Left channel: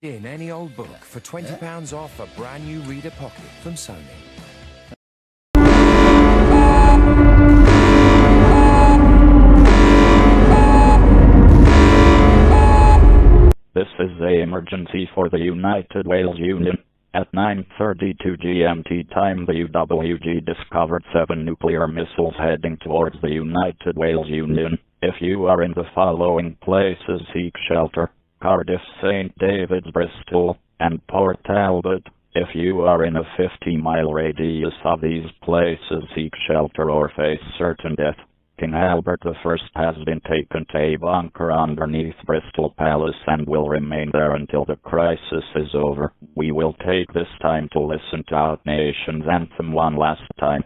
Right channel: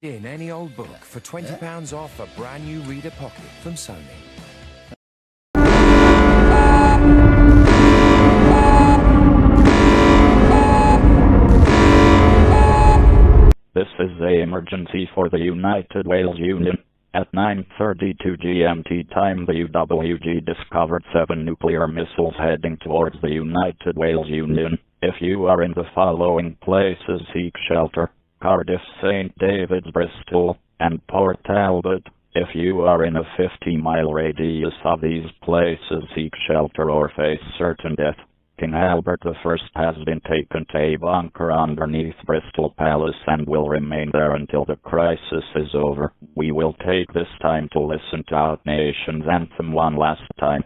In any old book for £20 off a brand new reader pocket from Sony. This is the emergency for the United Wales Union. At 9:32 GMT time, the UWG discovered 7 nuclear missiles heading towards the United Wales Union. If you are in the following places, seek shelter: Cardiff, St David's, Bristol, and Port Talbot. If you are in a 50-mile radius of these places, seek shelter or face certain death. King Albert I has been taken to a bunker underneath Bristol Palace and will remain there until the crisis is over. We will take this time to listen to our nation's anthem one last time.